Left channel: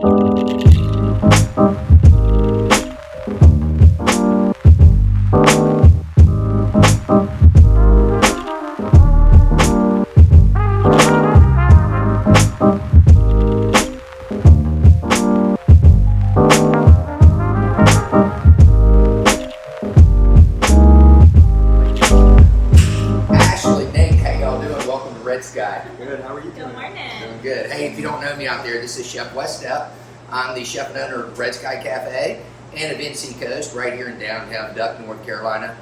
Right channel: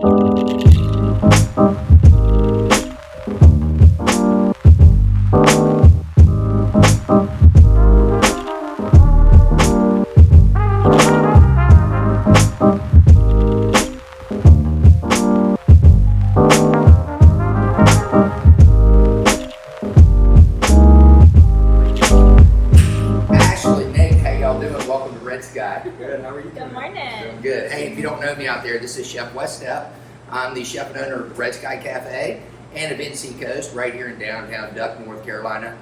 Good. How are you doing? Good morning. Doing good. Hey, if you don't know me out there, this is Chef Stepp. I'm the chef and owner of Red Sky Cafe and of NC Coast right here in downtown Duck, North Carolina.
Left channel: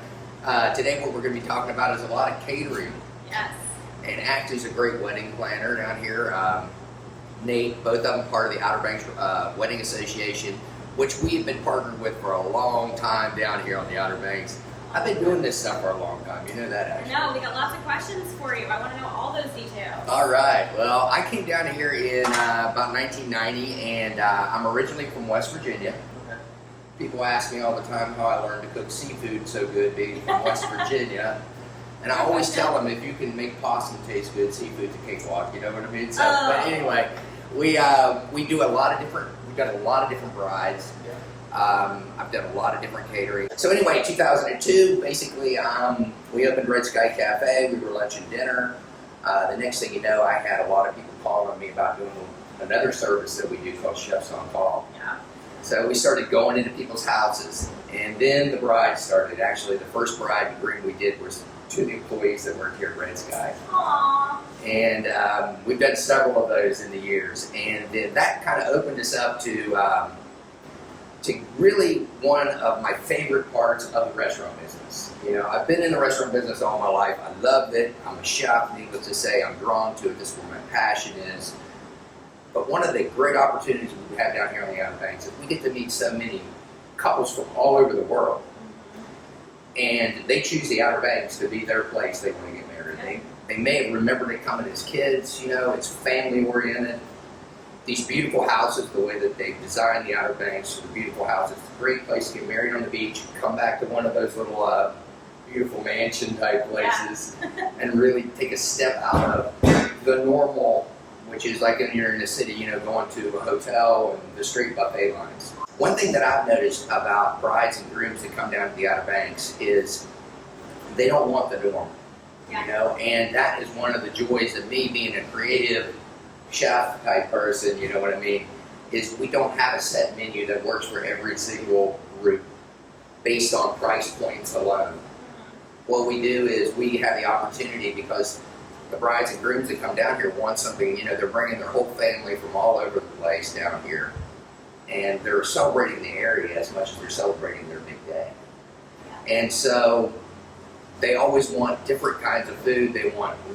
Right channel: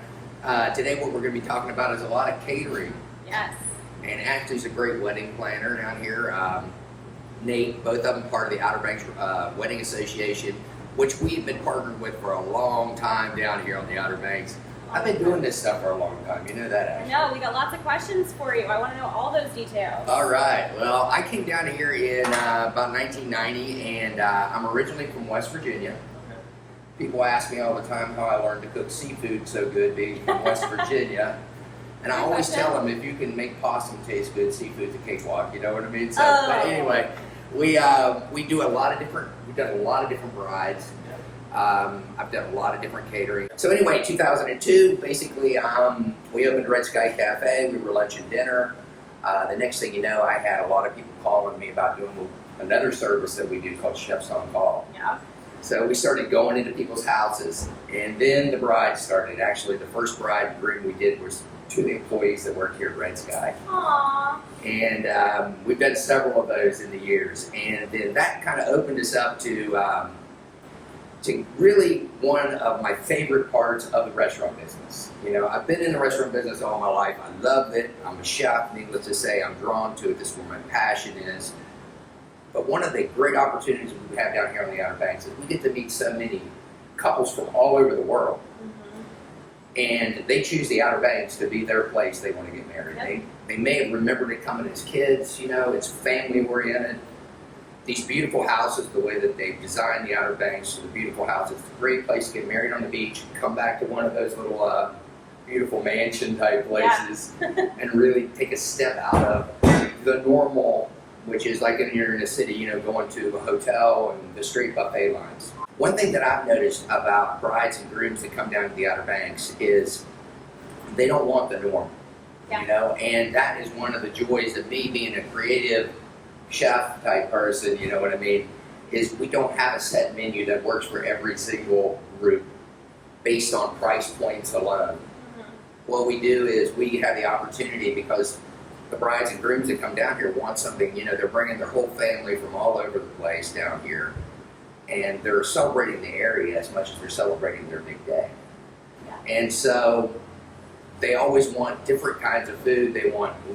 Today what we're going to be talking about is a lot of catering. Yes. And Ashley's a great wedding planner down here. Nate, both of them part of the Outer Banks Wedding Association, which we've been partnered with for a long time down here on the Outer Banks. I've been doing this stuff for a long time. You know that, Ashley. No, we got lots of questions for you. I want to know all those details. All right. Well, I came down here in about 1990, and I'm originally from West Virginia. Okay. People ask me all the time how I learned to cook seafood so good being from West Virginia. And I always tell them, if you can make possum taste good, seafood's a cakewalk. You know what I mean? So, But anyway, we do a lot of different. We've done a lot of different brides. I've done a lot of different catering. So anyway, 2002, basically, we opened Red Sky Cafe. We were lunch and dinner. The next thing you know, I had a lot of people calling me about doing another service that we do called Chefs on Call. Yeah. So we started going into people's houses, and then the bride started. Actually, the first bride and groom we did was to the employees that work here at Red Sky. Aww. And we've done several of those in the years, and then that kind of opened us up to really one of my favorite parts of the restaurant business. You know, I've been in the restaurant business all my life. I loved it. I'm a chef, needless to say. I'm drawn to it. This is where my passion is. But one of the great opportunities we have down here on the Outer Banks is we get to meet so many couples from all over the world. And they choose the Outer Banks to be their place they want to get married. Yep. They may have remembered it coming as kids. You know, it's family oriented. These beautiful houses, the way that they've designed the Outer Banks, the beautiful houses, it's a great place to get married on the beach, come back to one of those little beautiful mansion type places, and really take a step out of the normal, which is like when you're in a city, you know, going to a hotel and the straight buffet lines. One thing that I've noticed about brides and grooms that come down to the Outer Banks is they don't want the norm, you know, and that is one of the joys of me being a creative chef type person, you know what I mean, is we don't have a set menu that works for every single group based on price points alone. What we do is we have the opportunity, because the brides and grooms that come down here want something, you know, they're bringing their whole family from all over the place down here, and they're celebrating the area as much as they're celebrating their big day. And so they always want different kinds of food.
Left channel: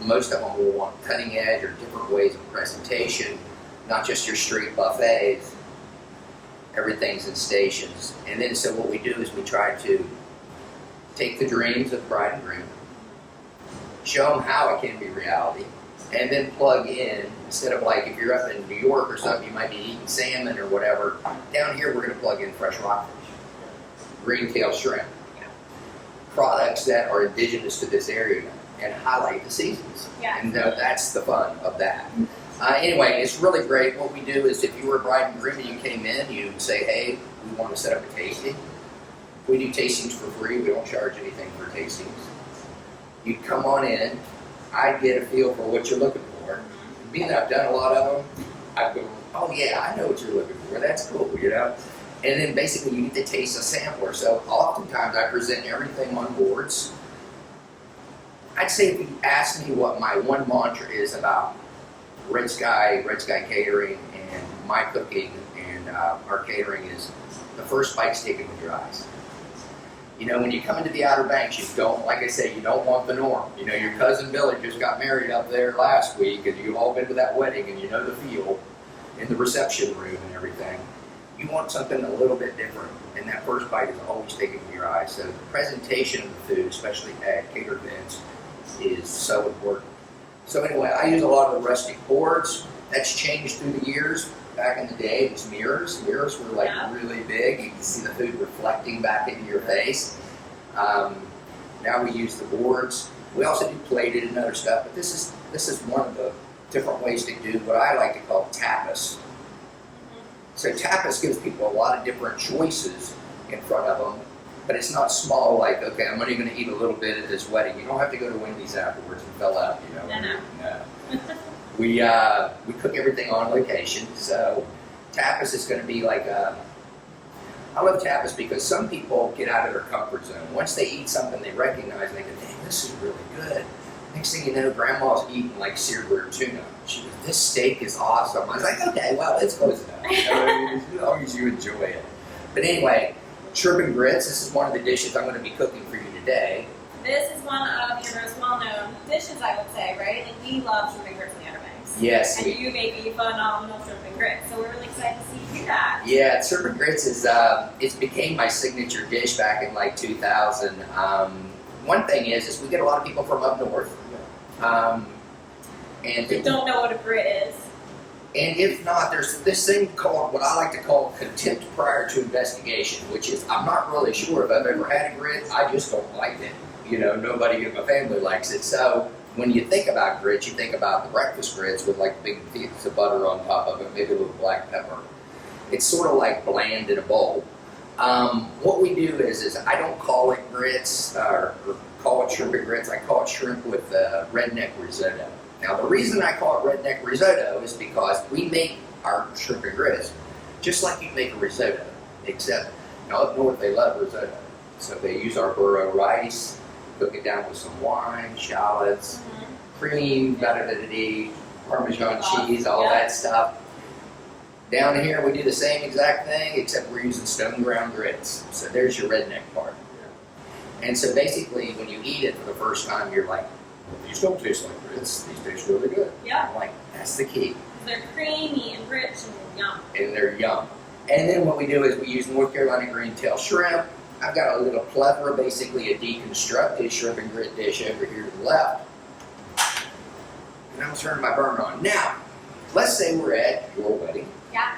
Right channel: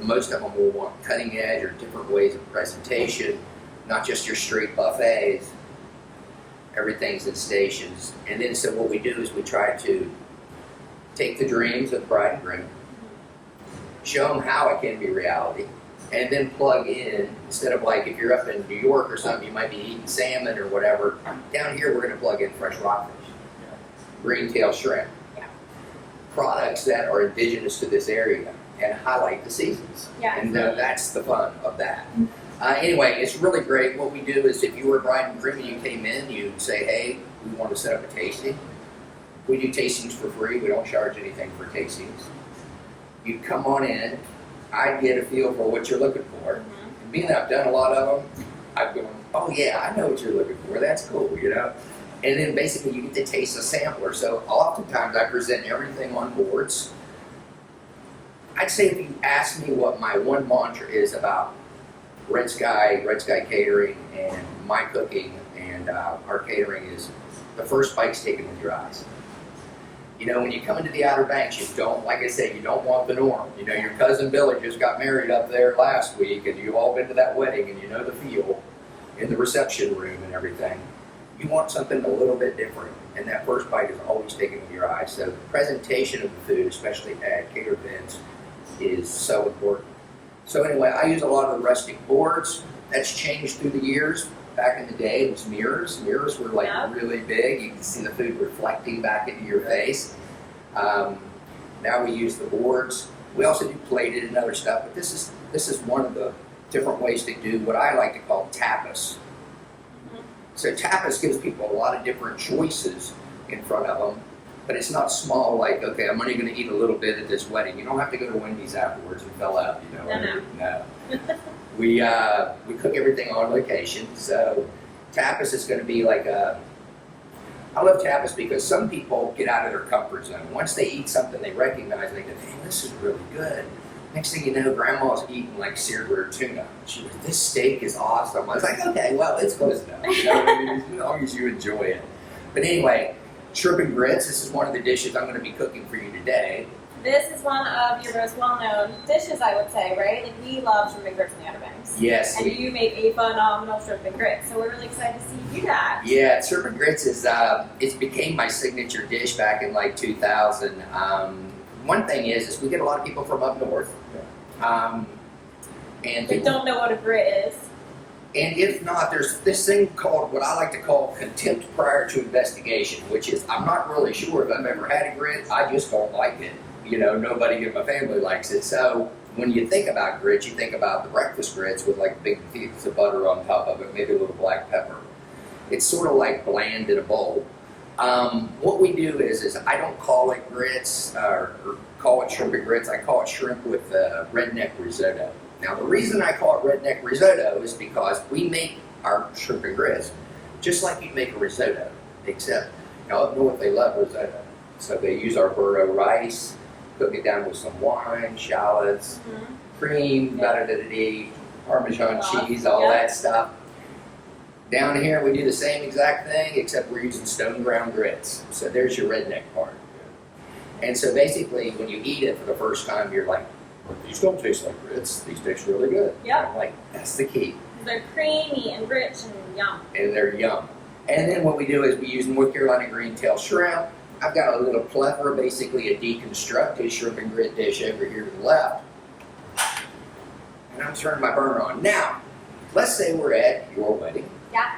Most of them will want cutting edge or different ways of presentation, not just your straight buffets. Everything's in stations. And then so what we do is we try to take the dreams of bride and groom, show them how it can be reality, and then plug in, instead of like if you're up in New York or something, you might be eating salmon or whatever. Down here we're going to plug in fresh rockfish, green tail shrimp, products that are indigenous to this area, and highlight the seasons. And that's the fun of that. Anyway, it's really great. What we do is, if you were a bride and groom and you came in, you'd say, hey, we want to set up a tasting. We do tastings for free. We don't charge anything for tastings. You'd come on in. I'd get a feel for what you're looking for. And being that I've done a lot of them, I've gone, oh yeah, I know what you're looking for. That's cool, you know? And then basically you get to taste a sampler. So oftentimes I present everything on boards. I'd say if you ask me what my one mantra is about Red Sky Catering, and my cooking and our catering, is the first bite's taken with your eyes. You know, when you come into the Outer Banks, you don't, like I say, you don't want the norm. You know, your cousin Billy just got married up there last week, and you've all been to that wedding, and you know the feel in the reception room and everything. You want something a little bit different, and that first bite is always taken with your eyes. So the presentation of the food, especially at catered events, is so important. So anyway, I use a lot of the rustic boards. That's changed through the years. Back in the day, it was mirrors. Mirrors were like really big. You can see the food reflecting back into your face. Now we use the boards. We also do plated and other stuff, but this is one of the different ways to do what I like to call tapas. So tapas gives people a lot of different choices in front of them, but it's not small like, okay, I'm only going to eat a little bit at this wedding. You don't have to go to Wendy's afterwards and fill up, you know. No. We cook everything on location, so tapas is going to be like I love tapas because some people get out of their comfort zone. Once they eat something they recognize, and they go, dang, this is really good. Next thing you know, grandma's eating like seared rare tuna. She goes, this steak is awesome. I was like, okay, well, it's close enough. You know what I mean? As long as you enjoy it. But anyway, shrimp and grits, this is one of the dishes I'm going to be cooking for you today. This is one of your most well-known dishes, I would say, right? Like, we love shrimp and grits in the Outer Banks. Yes. And you make a phenomenal shrimp and grits, so we're really excited to see you do that. Yeah, shrimp and grits is, it became my signature dish back in like 2000. One thing is we get a lot of people from up north. And They don't know what a grit is. And if not, there's this thing called, what I like to call contempt prior to investigation, which is I'm not really sure if I've ever had a grit, I just don't like it. You know, nobody in my family likes it. So when you think about grits, you think about the breakfast grits with like big pieces of butter on top of it, maybe a little black pepper. It's sort of like bland in a bowl. What we do is I don't call it grits or call it shrimp and grits. I call it shrimp with redneck risotto. Now the reason I call it redneck risotto is because we make our shrimp and grits just like you'd make a risotto, except now up north they love risotto. So they use our burro rice, cook it down with some wine, shallots, cream, Parmesan cheese, all that stuff. Down here we do the same exact thing, except we're using stone ground grits. So there's your redneck part. And so basically when you eat it for the first time, you're like, well, these don't taste like grits. These taste really good. Yeah. I'm like, that's the key. They're creamy and rich and yum. And they're yum. And then what we do is we use North Carolina green tail shrimp. I've got a little plethora, basically a deconstructed shrimp and grit dish over here to the left. And I'm turning my burner on. Now, let's say we're at your wedding. Yeah.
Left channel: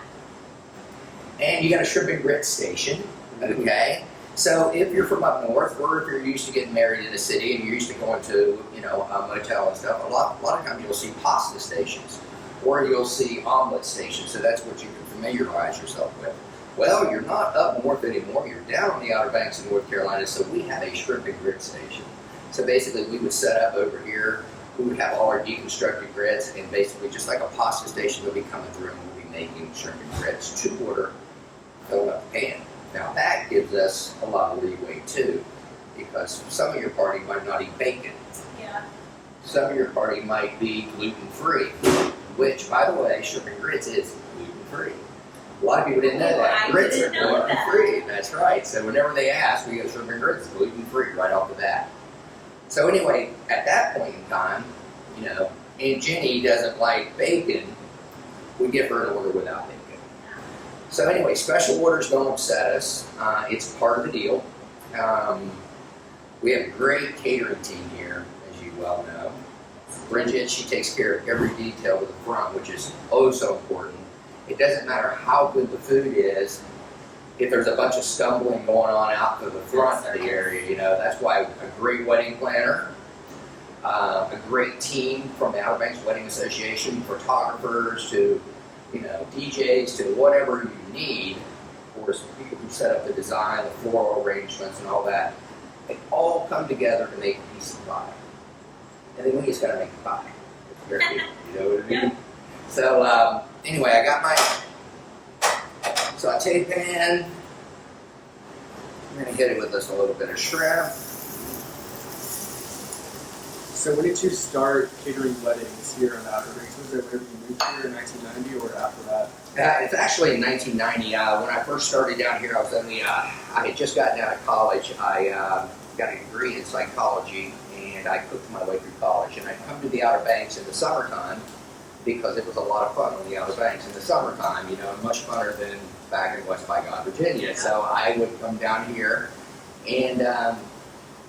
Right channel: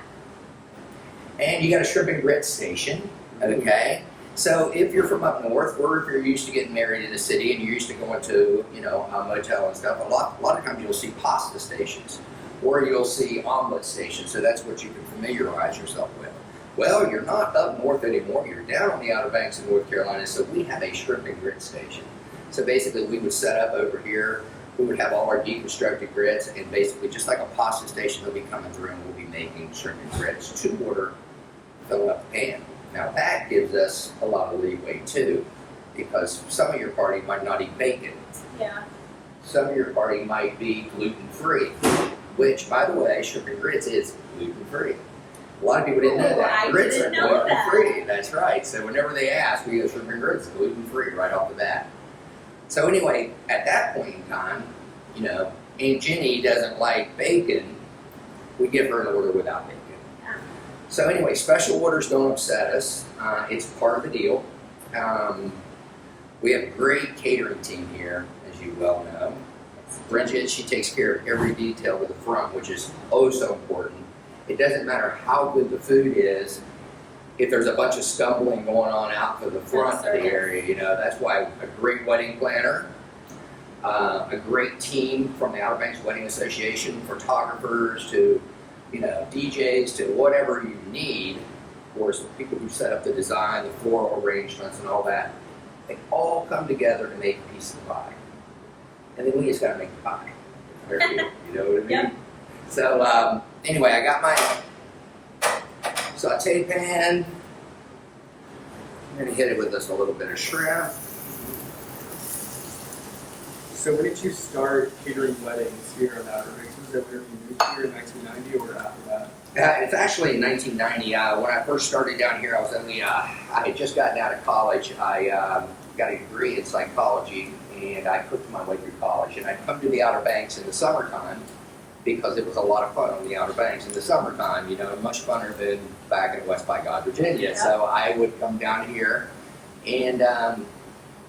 And you got a shrimp and grit station, okay? So if you're from up north, or if you're used to getting married in the city and you're used to going to, you know, a motel and stuff, a lot of times you'll see pasta stations, or you'll see omelet stations. So that's what you can familiarize yourself with. Well, you're not up north anymore. You're down on the Outer Banks of North Carolina, so we have a shrimp and grit station. So basically, we would set up over here. We would have all our deconstructed grits, and basically, just like a pasta station, they'll be coming through, and we'll be making shrimp and grits to order, filling up the pan. Now that gives us a lot of leeway too, because some of your party might not eat bacon. Yeah. Some of your party might be gluten-free, which, by the way, shrimp and grits is gluten-free. A lot of people didn't know that. Grits are gluten-free. That's right. So whenever they ask, we go shrimp and grits gluten-free right off the bat. So anyway, at that point in time, you know, Aunt Jenny doesn't like bacon. We give her an order without bacon. So anyway, special orders don't upset us. It's part of the deal. We have a great catering team here, as you well know. Bridget, she takes care of every detail to the front, which is oh so important. It doesn't matter how good the food is, if there's a bunch of stumbling going on out to the front of the area, you know, that's why a great wedding planner, a great team from the Outer Banks Wedding Association, photographers to, you know, DJs to whatever you need, of course, people who set up the design, the floral arrangements and all that, they all come together to make a piece of pie. And then we just got to make the pie. It's very good, you know what I mean? Yeah. So anyway, I got my saute pan. I'm going to hit it with just a little bit of shrimp. So when did you start catering weddings here in Outer Banks? Was it whenever you moved here in 1990 or after that? It's actually in 1990. When I first started down here, I had just gotten out of college. I got a degree in psychology, and I cooked my way through college. And I'd come to the Outer Banks in the summertime because it was a lot of fun on the Outer Banks in the summertime, you know, much funner than back in West by God, Virginia. Yeah. So I would come down here, and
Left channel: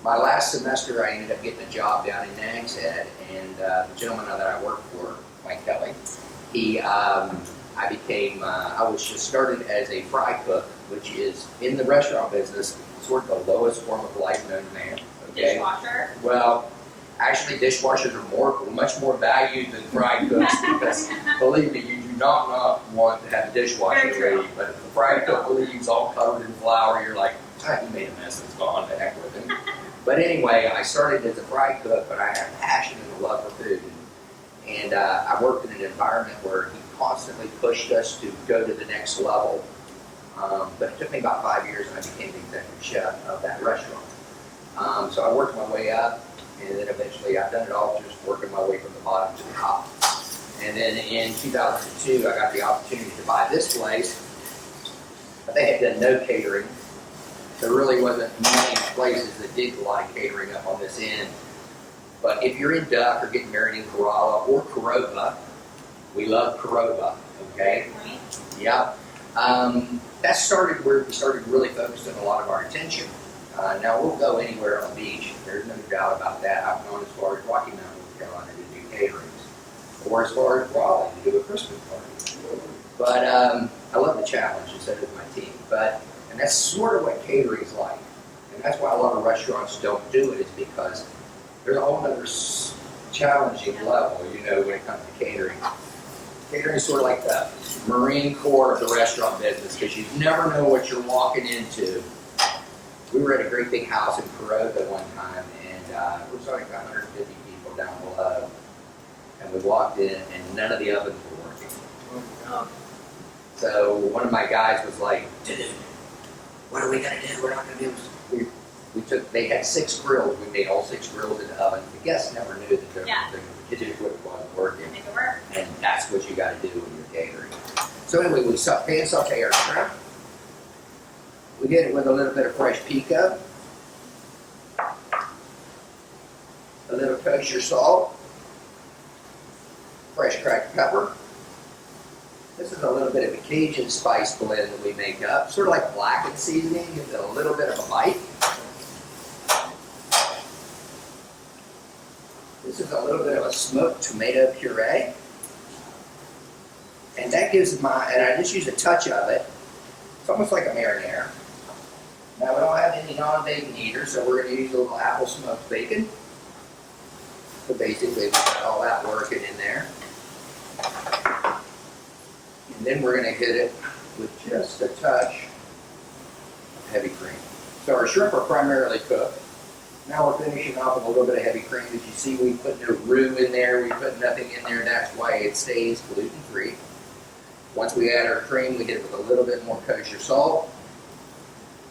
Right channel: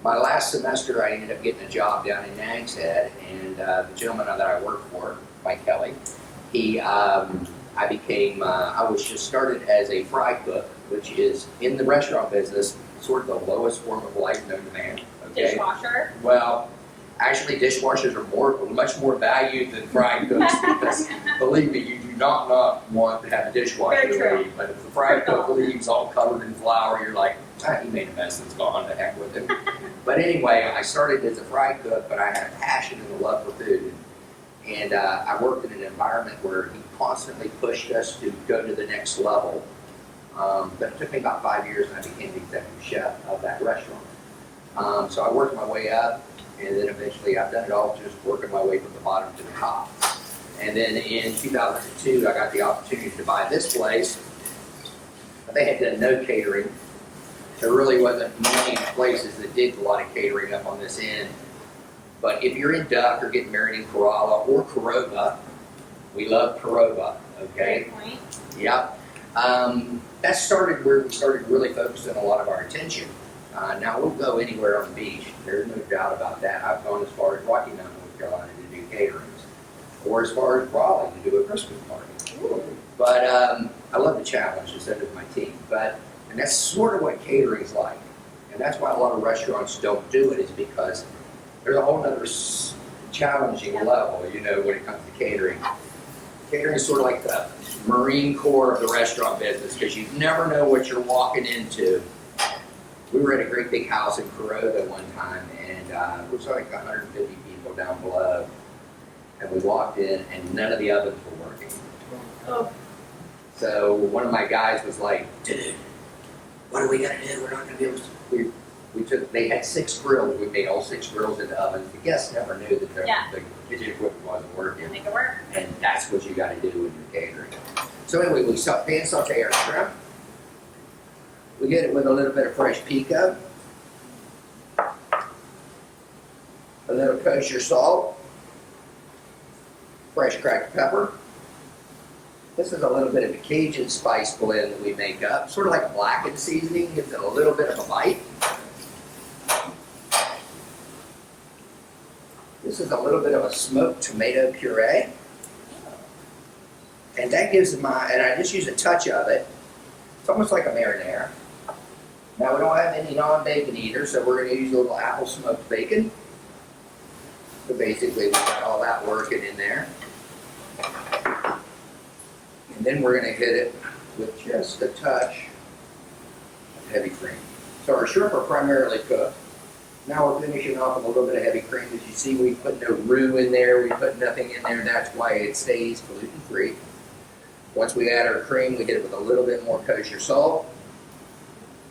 my last semester I ended up getting a job down in Nags Head, and the gentleman that I worked for, Mike Kelly, I was just started as a fry cook, which is in the restaurant business, sort of the lowest form of life known to man. Okay? Dishwasher. Well, actually, dishwashers are much more valued than fry cooks because, believe me, you do not want to have the dishwasher Very true. leave. But if the fry cook leaves all covered in flour, you're like, he made a mess and it's gone. The heck with him. But anyway, I started as a fry cook, but I had a passion and a love for food. And I worked in an environment where he constantly pushed us to go to the next level. But it took me about 5 years and I became the executive chef of that restaurant. So I worked my way up, and then eventually I've done it all just working my way from the bottom to the top. And then in 2002, I got the opportunity to buy this place. They had done no catering. There really wasn't many places that did a lot of catering up on this end. But if you're in Duck or getting married in Corolla or Corova, we love Corova, okay? Right. Yep. That started where we started really focusing a lot of our attention. Now we'll go anywhere on the beach. There's no doubt about that. I've gone as far as Rocky Mountain, North Carolina to do caterings, or as far as Raleigh to do a Christmas party. But I love the challenge, and so does my team. And that's sort of what catering's like. And that's why a lot of restaurants don't do it, is because there's a whole other challenging level, when it comes to catering. Catering is sort of like the Marine Corps of the restaurant business, because you never know what you're walking into. We were at a great big house in Corova one time, and it was like 150 people down below. And we walked in, and none of the ovens were working. Oh. So one of my guys was like, dude, what are we going to do? We're not going to be able to. They had 6 grills. We made all 6 grills into ovens. The guests never knew that the kitchen equipment wasn't working. Make it work. And that's what you got to do when you're catering. So anyway, we pan saute our shrimp. We get it with a little bit of fresh pico, a little kosher salt, fresh cracked pepper. This is a little bit of a Cajun spice blend that we make up, sort of like a blackened seasoning, gives it a little bit of a bite. This is a little bit of a smoked tomato puree. And that gives and I just use a touch of it. It's almost like a marinara. Now we don't have any non-bacon eaters, so we're going to use a little apple smoked bacon. So basically we got all that working in there. And then we're going to hit it with just a touch of heavy cream. So our shrimp are primarily cooked. Now we're finishing off with a little bit of heavy cream. As you see, we put no roux in there. We put nothing in there. That's why it stays gluten-free. Once we add our cream, we hit it with a little bit more kosher salt.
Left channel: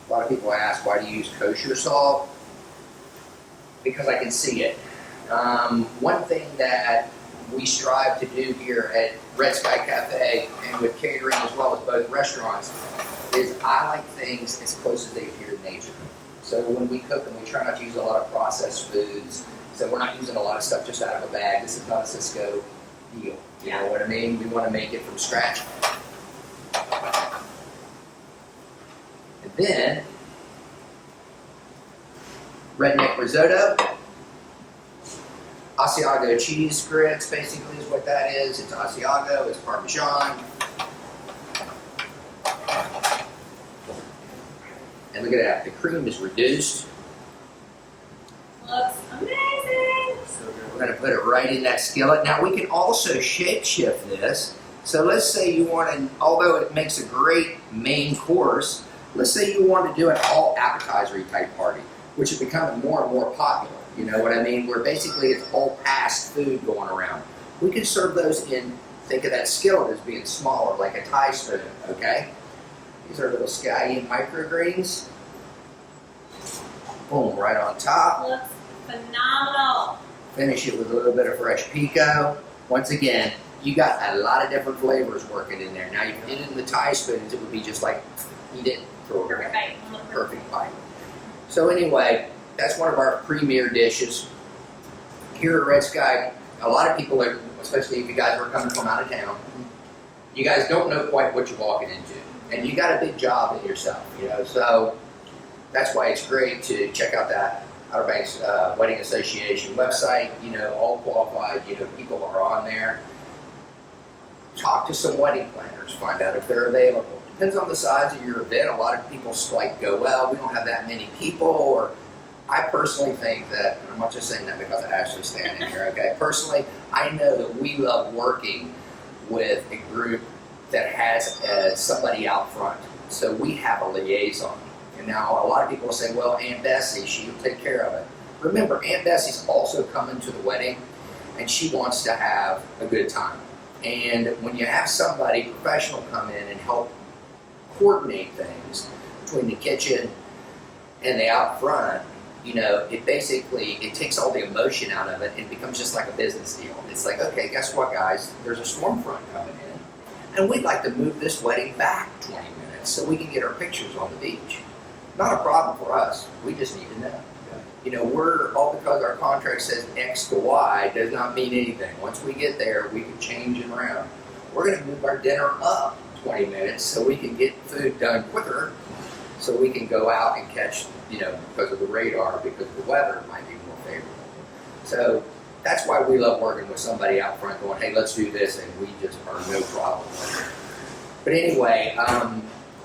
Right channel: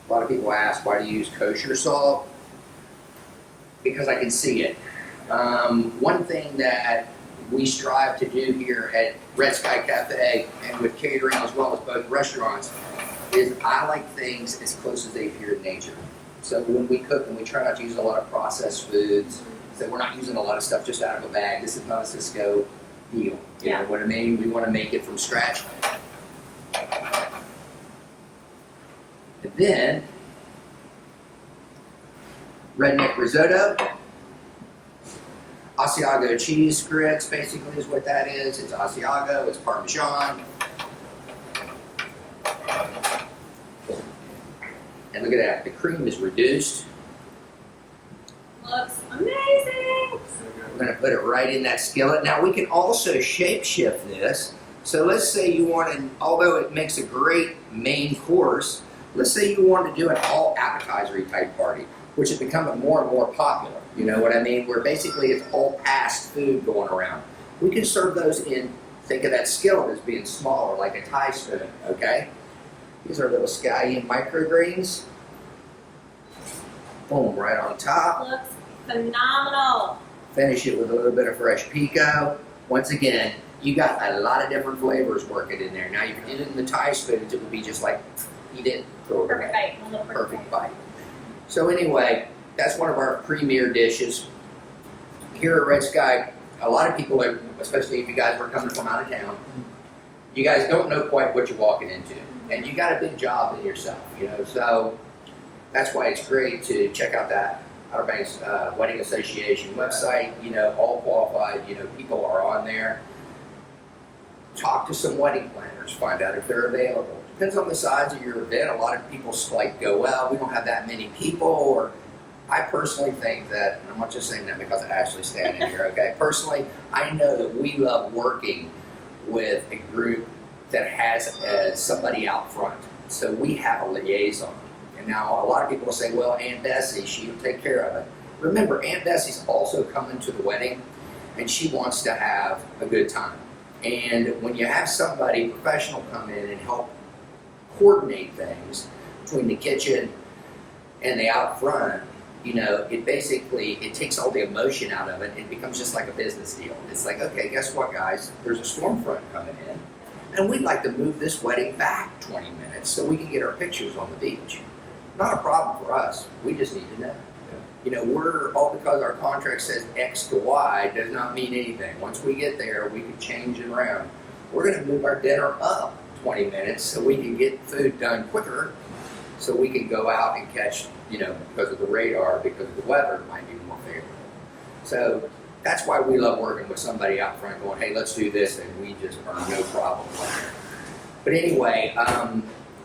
A lot of people ask, why do you use kosher salt? Because I can see it. One thing that we strive to do here at Red Sky Cafe and with catering as well as both restaurants is I like things as close as they appear in nature. So when we cook, and we try not to use a lot of processed foods, so we're not using a lot of stuff just out of a bag. This is not a Cisco deal. You know what I mean? We want to make it from scratch. And then, redneck risotto. Asiago cheese grits, basically, is what that is. It's Asiago, it's Parmesan. And look at that, the cream is reduced. Looks amazing. We're going to put it right in that skillet. Now we can also shape shift this. So let's say you want to, although it makes a great main course, let's say you want to do an all appetizer type party, which is becoming more and more popular. You know what I mean? Where basically it's all fast food going around. We can serve those in, think of that skillet as being smaller, like a Thai spoon, okay? These are little scallion microgreens. Boom, right on top. Looks phenomenal. Finish it with a little bit of fresh pico. Once again, you got a lot of different flavors working in there. Now, if you did it in the Thai spoons, it would be just like, eat it, throw it Perfect away. bite. Perfect bite. So anyway, that's one of our premier dishes. Here at Red Sky, a lot of people, especially if you guys are coming from out of town, you guys don't know quite what you're walking into. And you got a big job in yourself, so that's why it's great to check out that Outer Banks Wedding Association website. All qualified, people are on there. Talk to some wedding planners, find out if they're available. Depends on the size of your event. A lot of people go, well, we don't have that many people, or I personally think that, and I'm not just saying that because of Ashley standing here, okay? Personally, I know that we love working with a group that has somebody out front. So we have a liaison. And now a lot of people will say, well, Aunt Bessie, she'll take care of it. Remember, Aunt Bessie's also coming to the wedding, and she wants to have a good time. And when you have somebody professional come in and help coordinate things between the kitchen and the out front, it takes all the emotion out of it. It becomes just like a business deal. It's like, okay, guess what, guys? There's a storm front coming in, and we'd like to move this wedding back 20 minutes so we can get our pictures on the beach. Not a problem for us. We just need to know. We're all because our contract says X to Y does not mean anything. Once we get there, we can change it around. We're going to move our dinner up 20 minutes so we can get food done quicker, so we can go out and catch, because of the radar, because the weather might be more favorable. So that's why we love working with somebody out front going, hey, let's do this, and we just are no problem with it. But anyway,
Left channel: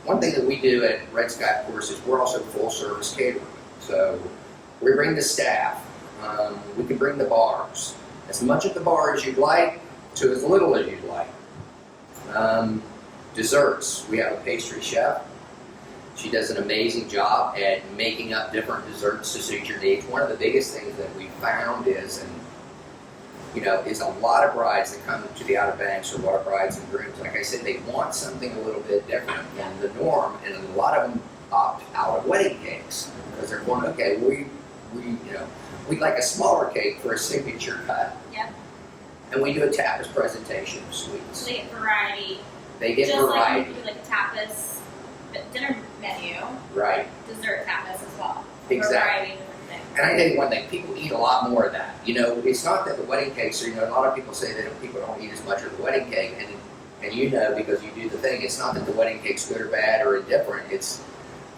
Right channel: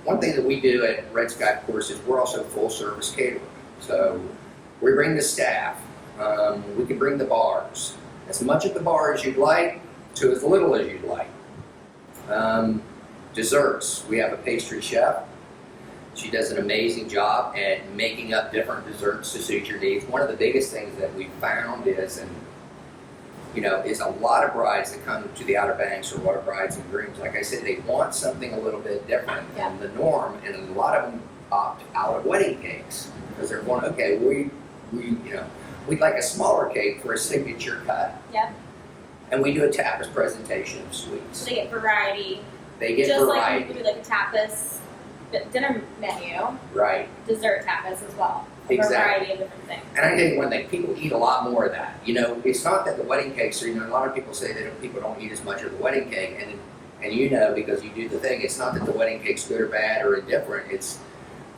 one thing that we do at Red Sky, of course, is we're also full service catering. So we bring the staff, we can bring the bars, as much at the bar as you'd like to as little as you'd like. Desserts, we have a pastry chef. She does an amazing job at making up different desserts to suit your needs. One of the biggest things that we found is a lot of brides that come to the Outer Banks, or a lot of brides and grooms, like I said, they want something a little bit different than the norm, and a lot of them opt out of wedding cakes because they're going, okay, we'd like a smaller cake for a signature cut. Yeah. And we do a tapas presentation of sweets. So they get variety. They get just variety. Like you do like a tapas dinner menu. Right. Dessert tapas as well. Exactly. A variety of different things. And I tell you one thing, people eat a lot more of that. It's not that the wedding cakes are, a lot of people say that people don't eat as much of the wedding cake, and because you do the thing, it's not that the wedding cake's good or bad or indifferent, it's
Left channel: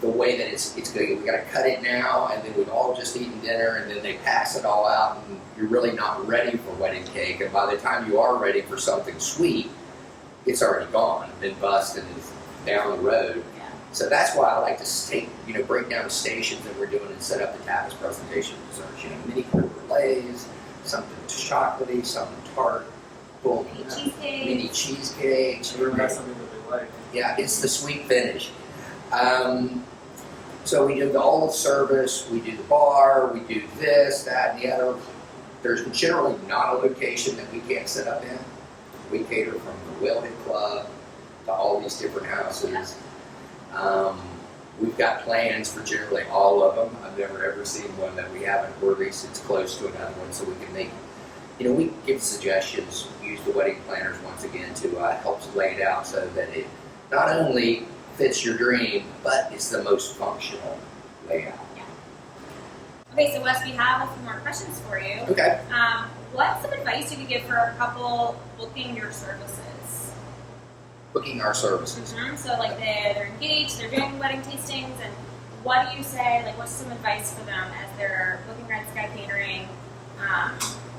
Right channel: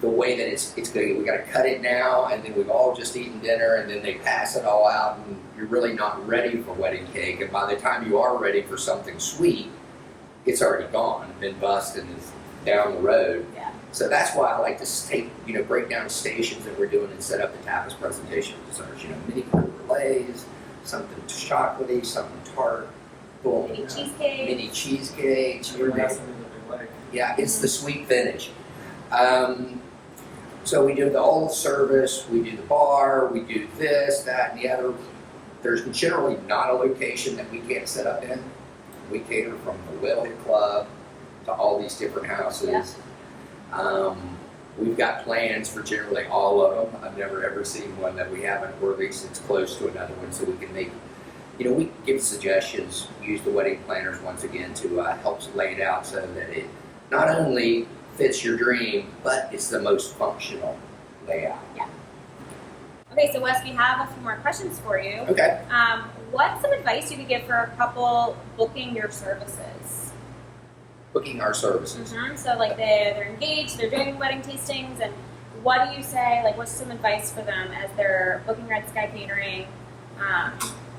the way that it's good. We got to cut it now, and then we've all just eaten dinner, and then they pass it all out, and you're really not ready for wedding cake, and by the time you are ready for something sweet, it's already gone, been bust, and is down the road. Yeah. So that's why I like to break down the stations that we're doing and set up the tapas presentation desserts. Mini creme brulees, something chocolatey, something tart, boom. Mini cheesecake. Mini cheesecakes. Everyone has something that they like. Yeah, it's the sweet finish. So we do all the service, we do the bar, we do this, that, and the other. There's generally not a location that we can't set up in. We cater from the Whalehead Club to all these different houses. Yeah. We've got plans for generally all of them. I've never ever seen one that we haven't, or at least it's close to another one, so we can make, we give suggestions, use the wedding planners once again to help lay it out so that it not only fits your dream, but it's the most functional layout. Yeah. Okay, so Wes, we have a few more questions for you. Okay. What's some advice you could give for a couple booking your services? Booking our services. Mm-hmm. So like they're engaged, they're doing wedding tastings, and what do you say, like what's some advice for them as they're booking Red Sky Catering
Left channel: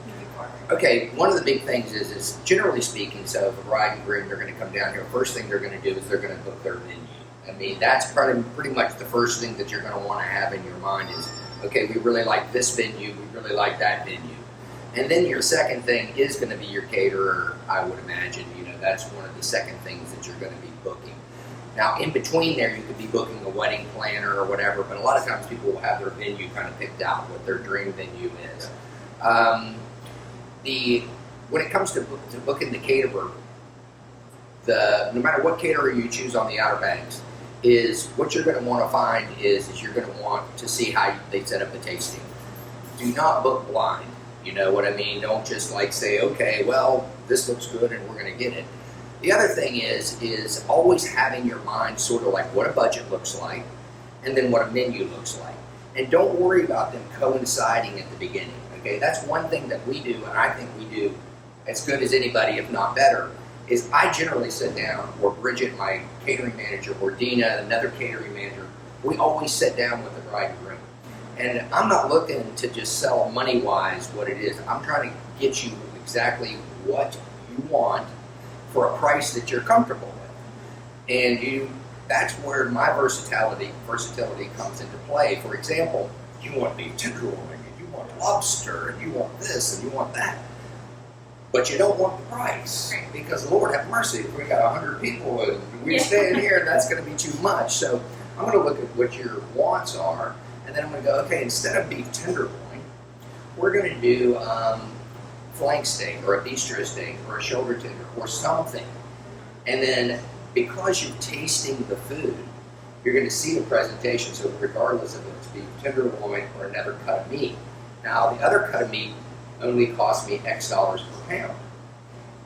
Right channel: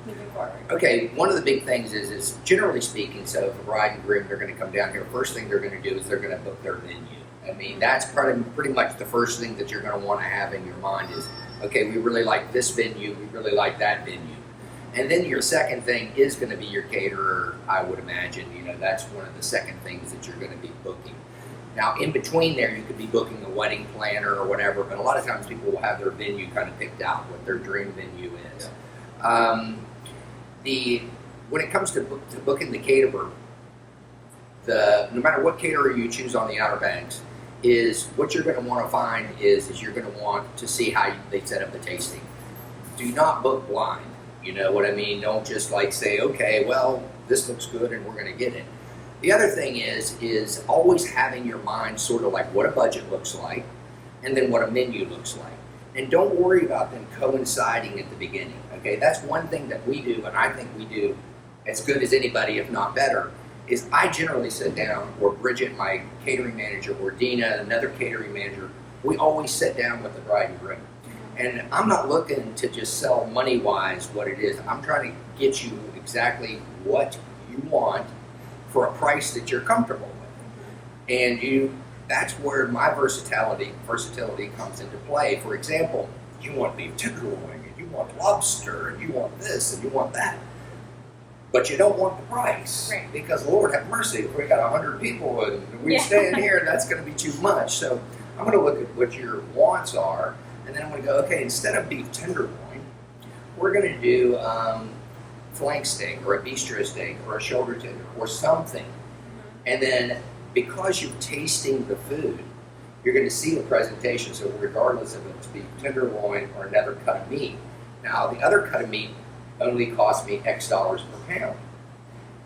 moving forward? Okay, one of the big things is generally speaking, so if a bride and groom, they're going to come down here, first thing they're going to do is they're going to book their venue. I mean, that's pretty much the first thing that you're going to want to have in your mind is, okay, we really like this venue, we really like that venue. And then your second thing is going to be your caterer, I would imagine. That's one of the second things that you're going to be booking. Now, in between there, you could be booking a wedding planner or whatever, but a lot of times people will have their venue kind of picked out, what their dream venue is. When it comes to booking the caterer, no matter what caterer you choose on the Outer Banks, is what you're going to want to find is you're going to want to see how they set up the tasting. Do not book blind. You know what I mean? Don't just say, okay, well, this looks good and we're going to get it. The other thing is always having your mind sort of like what a budget looks like and then what a menu looks like. And don't worry about them coinciding at the beginning, okay? That's one thing that we do, and I think we do as good as anybody, if not better, is I generally sit down, or Bridget, my catering manager, or Dina, another catering manager, we always sit down with the bride and groom. And I'm not looking to just sell money-wise what it is. I'm trying to get you exactly what you want for a price that you're comfortable with. And that's where my versatility comes into play. For example, you want beef tenderloin, and you want lobster, and you want this, and you want that. but you don't want the price Right. because Lord have mercy, if we got 100 people and we stay in here, that's going to be too much. So I'm going to look at what your wants are, and then I'm going to go, okay, instead of beef tenderloin, we're going to do flank steak or a bistro steak or a shoulder tender or something. And then because you're tasting the food, you're going to see the presentation. So regardless of if it's beef tenderloin or another cut of meat. Now the other cut of meat only costs me X dollars per pound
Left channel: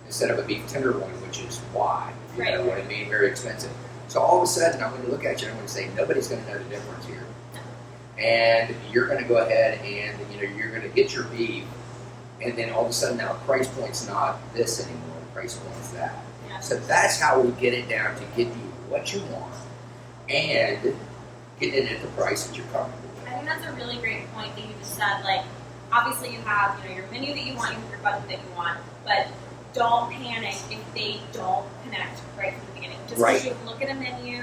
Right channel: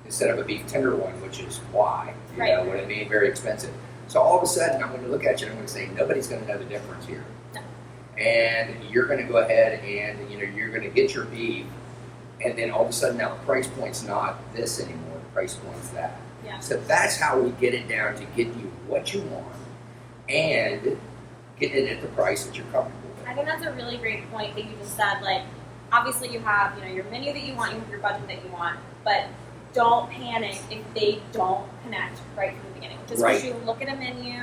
instead of a beef tenderloin, which is Y. You know what I mean? Very expensive. So all of a sudden, I'm going to look at you and I'm going to say, nobody's going to know the difference here. And you're going to go ahead and you're going to get your beef, and then all of a sudden now the price point's not this anymore. The price point's that. Yeah. So that's how we get it down to get you what you want and get it at the price that you're comfortable with. I think that's a really great point that you just said. Like, obviously you have your menu that you want, you have your budget that you want, but don't panic if they don't connect right from the beginning. Just because you look at a menu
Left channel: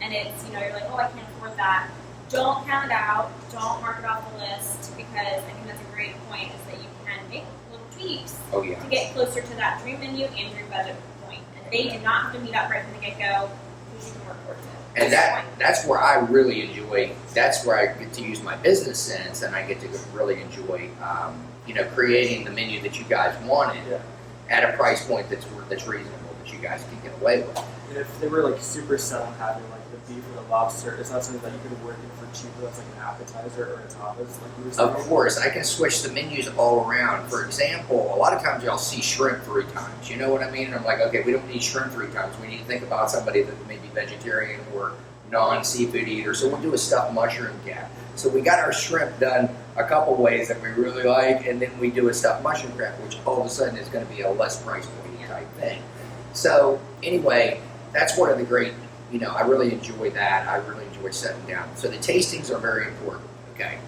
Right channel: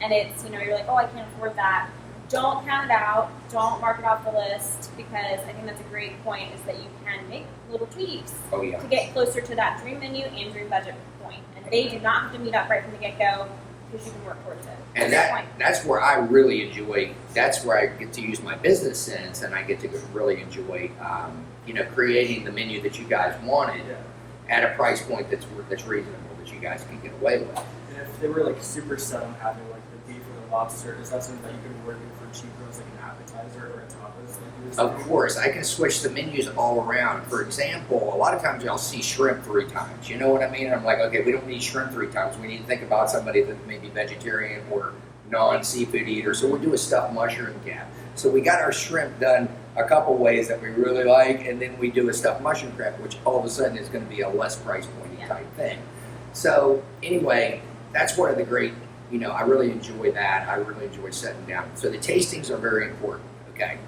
and it's you're like, oh, I can't afford that. Don't count it out. Don't mark it off the list, because I think that's a great point, is that you can make little tweaks to get closer to that dream menu and dream budget point. And they do not have to meet up right from the get-go, because you can work towards it. And that's where I really enjoy, that's where I get to use my business sense, and I get to really enjoy, creating the menu that you guys wanted at a price point that's reasonable, that you guys can get away with. And if they were like super set on having like the beef or the lobster, is that something that you can work in for cheaper as like an appetizer or a tapas? Like you were saying? Of course, I can switch the menus all around. For example, a lot of times y'all see shrimp 3 times. You know what I mean? And I'm like, okay, we don't need shrimp 3 times. We need to think about somebody that may be vegetarian or non-seafood eater. So we'll do a stuffed mushroom cap. So we got our shrimp done a couple ways that we really like, and then we do a stuffed mushroom crab, which all of a sudden is going to be a less price pointy type thing. So anyway, that's one of the great, I really enjoy that. I really enjoy setting down. So the tastings are very important, okay?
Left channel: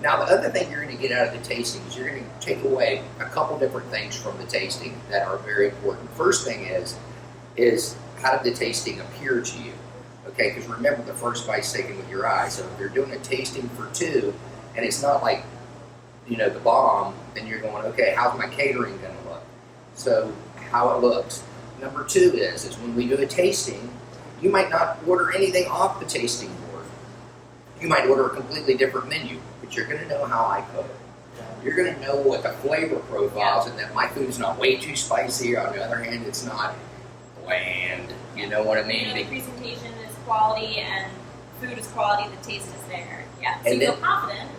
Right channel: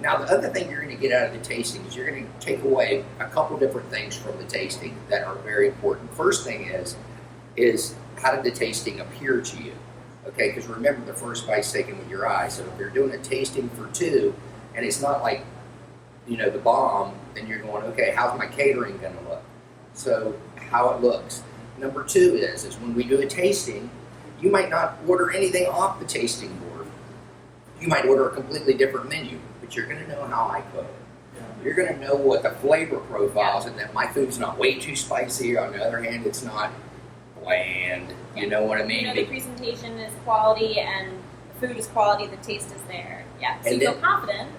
Now the other thing you're going to get out of the tasting is you're going to take away a couple different things from the tasting that are very important. First thing is how did the tasting appear to you? Okay, because remember, the first bite's taken with your eyes. So if you're doing a tasting for 2 and it's not like, the bomb, then you're going, okay, how's my catering going to look? So how it looks. Number 2 is when we do a tasting, you might not order anything off the tasting board. You might order a completely different menu, but you're going to know how I cook. You're going to know what the flavor profiles, and that my food's not way too spicy. On the other hand, it's not bland. You know what I mean? The presentation is quality and food is quality. The taste is there. Yeah. So and you feel confident.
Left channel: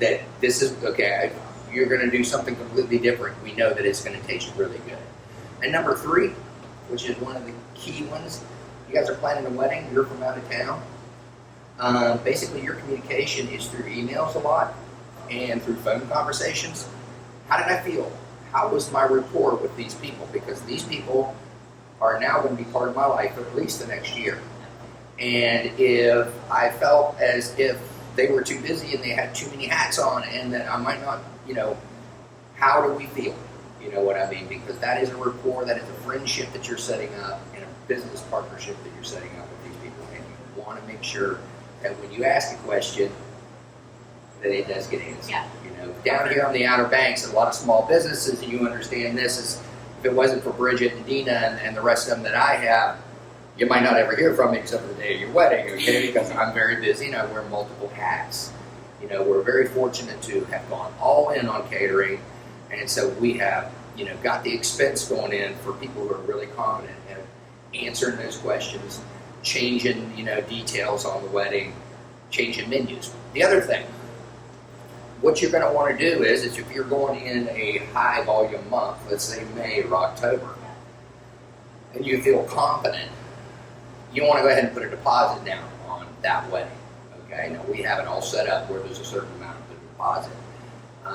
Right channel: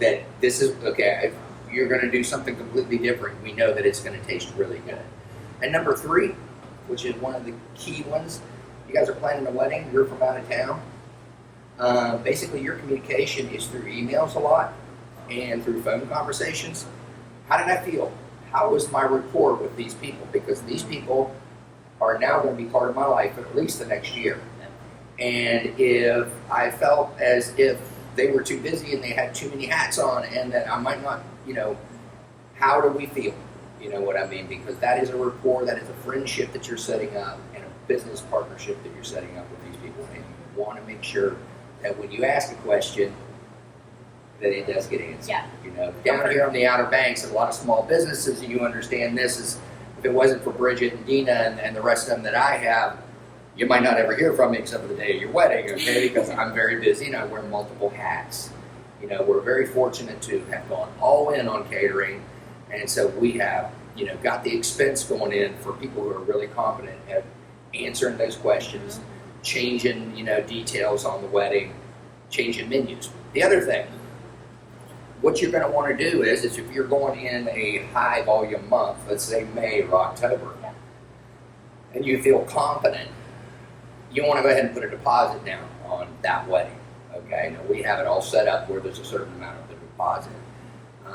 That this is okay. If you're going to do something completely different, we know that it's going to taste really good. And number 3, which is one of the key ones, you guys are planning a wedding, you're from out of town. Basically, your communication is through emails a lot and through phone conversations. How did I feel? How was my rapport with these people? Because these people are now going to be part of my life for at least the next year. And if I felt as if they were too busy and they had too many hats on and that I might not, how do we feel? You know what I mean? Because that is a rapport, that is a friendship that you're setting up, and a business partnership that you're setting up with these people. And you want to make sure that when you ask a question, that it does get answered. Yeah. Down here on the Outer Banks, a lot of small businesses, and you understand this is, if it wasn't for Bridget and Dina and the rest of them that I have, you might not ever hear from me except for the day of your wedding, okay? Because I'm very busy and I wear multiple hats. We're very fortunate to have gone all in on catering, and so we have, got the expense going in for people who are really competent at answering those questions, changing, details on the wedding, changing menus. The other thing, what you're going to want to do is if you're going in a high volume month, let's say May or October, and you feel confident, you want to go ahead and put a deposit down on that wedding. Okay, now we have it all set up where there's a certain amount of the deposit.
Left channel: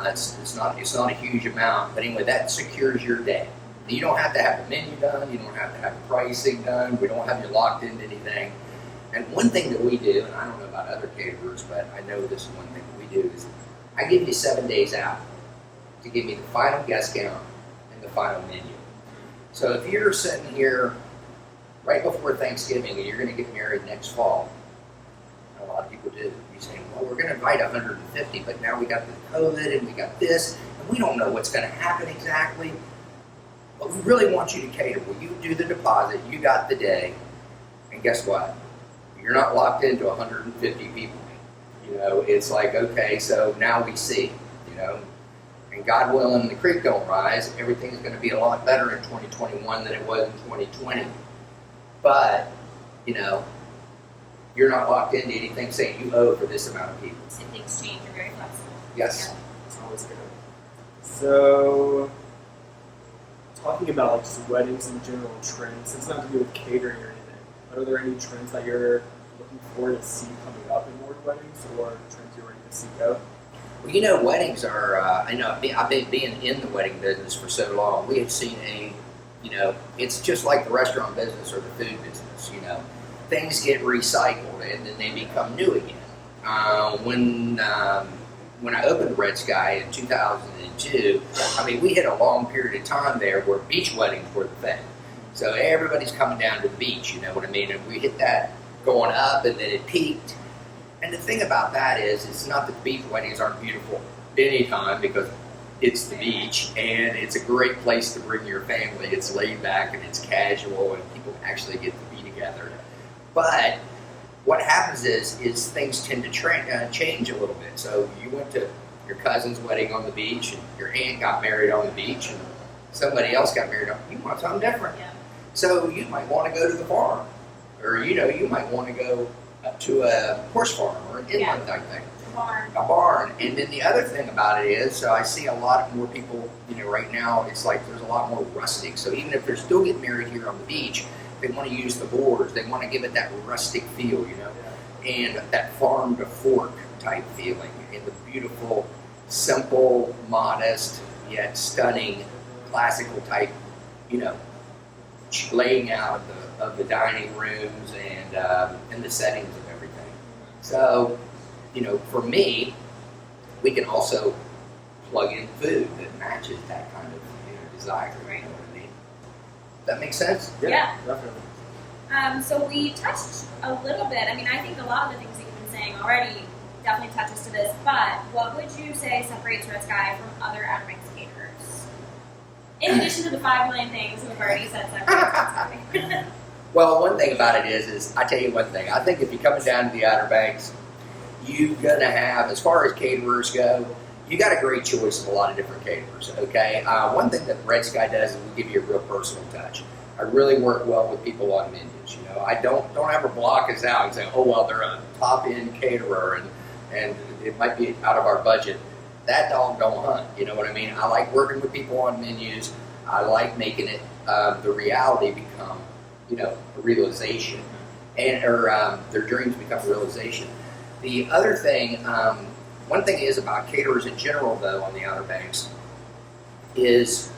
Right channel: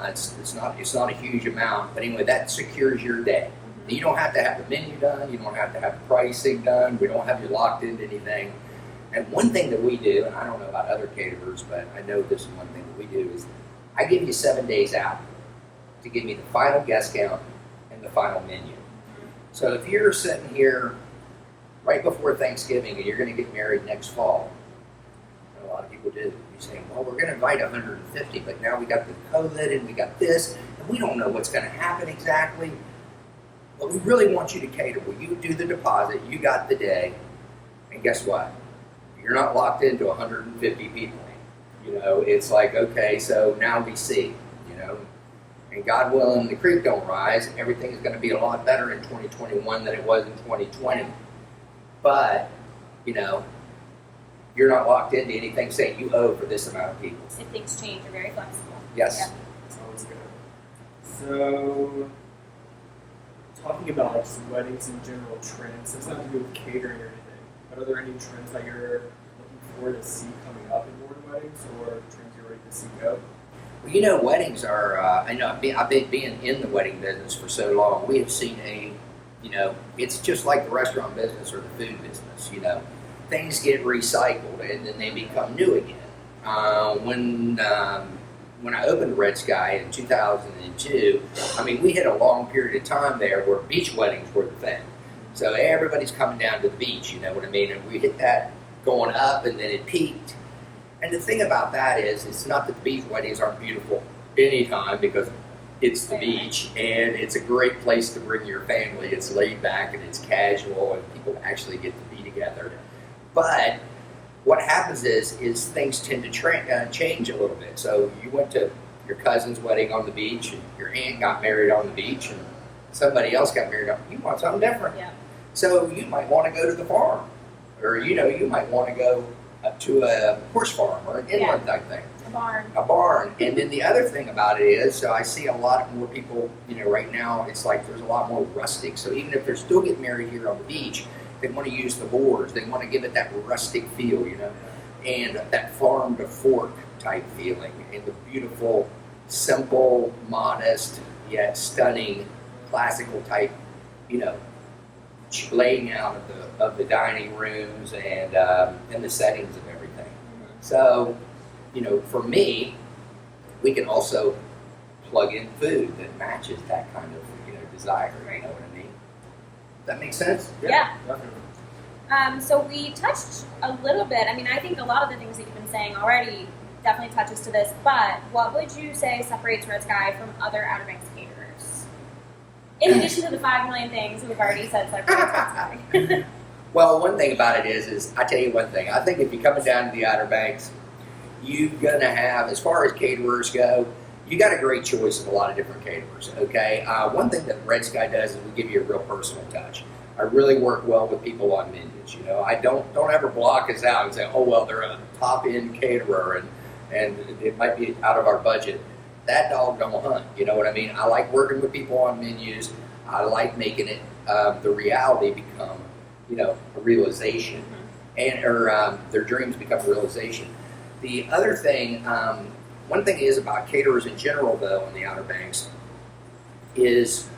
It's not a huge amount, but anyway, that secures your day. You don't have to have the menu done. You don't have to have the pricing done. We don't have you locked into anything. And one thing that we do, and I don't know about other caterers, but I know this is one thing that we do, is I give you 7 days out to give me the final guest count and the final menu. So if you're sitting here right before Thanksgiving and you're going to get married next fall, and a lot of people do, you say, well, we're going to invite 150, but now we got the COVID and we got this, and we don't know what's going to happen exactly. but we really want you to cater. Well, you do the deposit, you got the day, and guess what? You're not locked into 150 people. It's like, okay, so now we see, and God willing, the creek don't rise, everything is going to be a lot better in 2021 than it was in 2020. But, you're not locked into anything saying you owe for this amount of people. If things change, you're very flexible. Yes. Yeah. It's always good. So, talking about like just weddings in general trends, it's not to do with catering or anything, but are there any trends that you're looking forward to see coming up in more weddings, or trends you're ready to seek out? Well, weddings are, I've been being in the wedding business for so long, we have seen it's just like the restaurant business or the food business, things get recycled and then they become new again. When I opened Red Sky in 2002, we hit a long period of time there where beach weddings were the thing. So everybody's coming down to the beach, you know what I mean? And we hit that going up and then it peaked. And the thing about that is, it's not that the beach weddings aren't beautiful anytime, because it's the beach and it's a great place to bring your family. It's laid back and it's casual and people actually get to be together. But what happens is things tend to change a little bit. So you went to your cousin's wedding on the beach and your aunt got married on the beach and somebody else got married on. You want something different. Yeah. So you might want to go to the farm, or you might want to go up to a horse farm or an inland type thing. A barn. And then the other thing about it is, so I see a lot more people, right now it's like there's a lot more rustic. So even if they're still getting married here on the beach, they want to use the boards. They want to give it that rustic feel, and that farm to fork type feeling, and the beautiful, simple, modest, yet stunning, classical type, laying out of the dining rooms and the settings of everything. So, for me, we can also plug in food that matches that kind of desire. You know what I mean? That makes sense? Yeah. Definitely. So we touched a little bit. I think a lot of the things that you've been saying already definitely touches to this. But what would you say separates Red Sky from other Outer Banks caterers? In addition to the 5 million things we've already said separates Red Sky. Well, one thing about it is I tell you one thing. I think if you're coming down to the Outer Banks, you're gonna have, as far as caterers go, you got a great choice of a lot of different caterers. Okay. One thing that Red Sky does is we give you a real personal touch. I really work well with people on menus. I don't ever block us out and say, oh well, they're a top end caterer and it might be out of our budget. That dog don't hunt. You know what I mean? I like working with people on menus. I like making it the reality become a realization, or their dreams become a realization. The other thing, one thing is about caterers in general, though, on the Outer Banks, is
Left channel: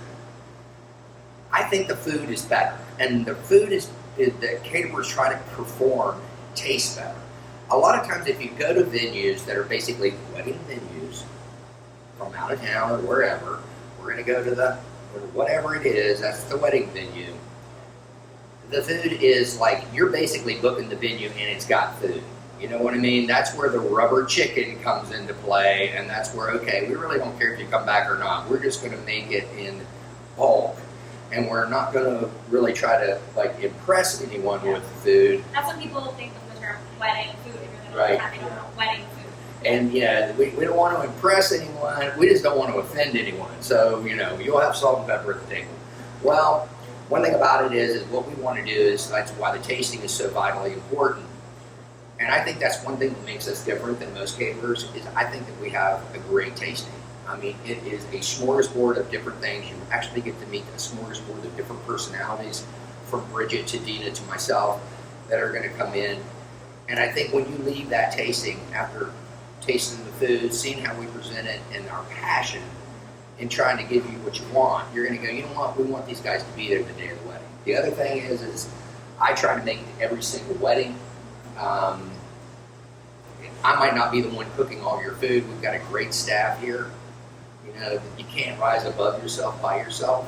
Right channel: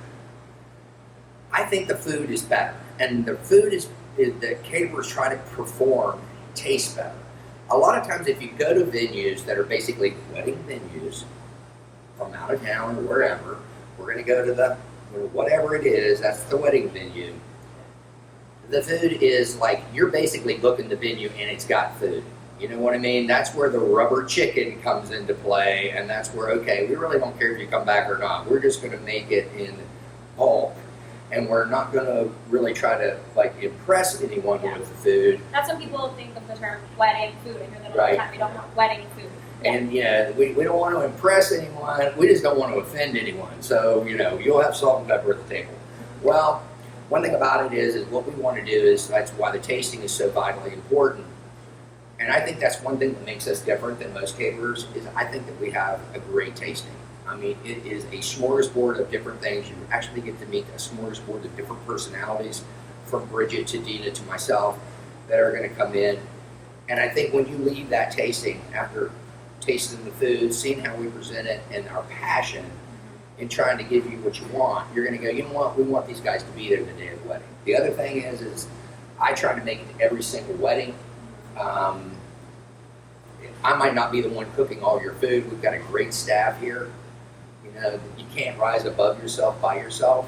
I think the food is better, and the food is that caterers try to perform tastes better. A lot of times, if you go to venues that are basically wedding venues from out of town or wherever, we're going to go to whatever it is, that's the wedding venue. The food is like, you're basically booking the venue and it's got food. You know what I mean? That's where the rubber chicken comes into play, and that's where, okay, we really don't care if you come back or not. We're just going to make it in bulk, and we're not going to really try to impress anyone with the food. That's when people think of the term wedding food. And you're Right. They don't want wedding food. And we don't want to impress anyone. We just don't want to offend anyone. So you'll have salt and pepper at the table. Well, one thing about it is what we want to do is, that's why the tasting is so vitally important. And I think that's one thing that makes us different than most caterers, is I think that we have a great tasting. It is a smorgasbord of different things. You actually get to meet a smorgasbord of different personalities, from Bridget to Dina to myself, that are going to come in. And I think when you leave that tasting, after tasting the food, seeing how we present it, and our passion in trying to give you what you want, you're going to go, you know what, we want these guys to be there the day of the wedding. The other thing is I try to make it to every single wedding. I might not be the one cooking all your food. We've got a great staff here. You can't rise above yourself by yourself.